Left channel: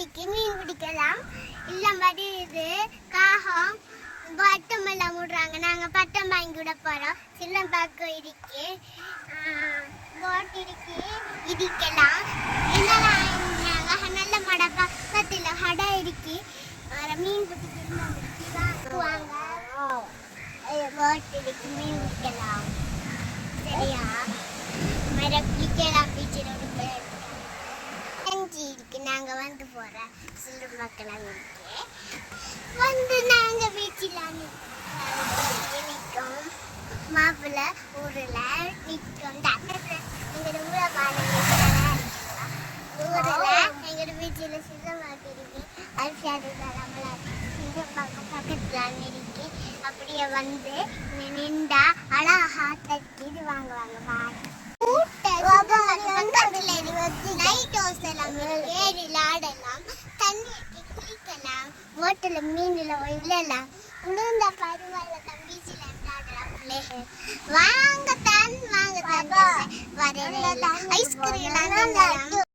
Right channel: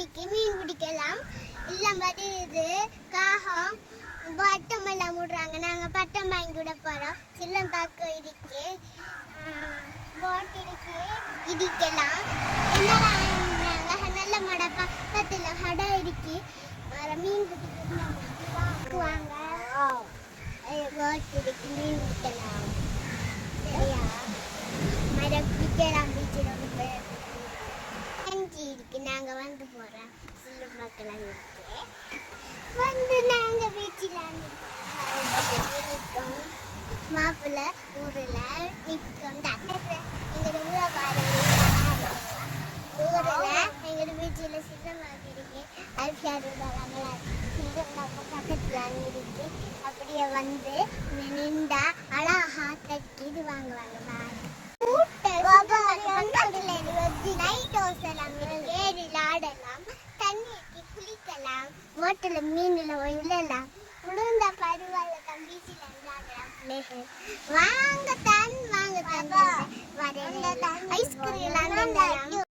இருக்கு, மீன் பிடிக்கலாம். எல்லாம் வருது, காகம் பட்டமெல்லாம் விடுறாங்க. நாங்க பட்டம் வாங்கி விட போறோம். சில்லம் பார்க்க இருக்கு, போட் இருக்கு, இடிக்கலாம். என்னெல்லாம் நல்ல மட பக்கத்துல கடை இருக்கு. மீன் பிடிக்குவாங்க, போட் இருக்கு, மீன் பிடிக்கலாம். சரியா? மரம் பிடிக்கலாம். பீச்சில் இருக்கு. நாங்க வந்து போறோம். சில்லம் பார்க்கலாம் இருக்கு. வந்து நாங்க பீச்சில் நிற்கும். மாப்பிள்ள ஊரில் நிற்கும். எங்களோட ஊரை பாருங்க, ஊரில் எங்களோட பீச்சில் சின்னமாக்கிருக்கு. அரிசியாரு பக்கத்தில் இருக்கு. அப்படியே வந்து நின்றா அழகா தட்டி வாங்குவாங்க. ஹோட்டல்ல மீன்ல விழலாம். உளுந்த பருவால தம்பீச்சில விளையாடலாம். வாங்கத்தான் வரல ஐஸ்கிரீம்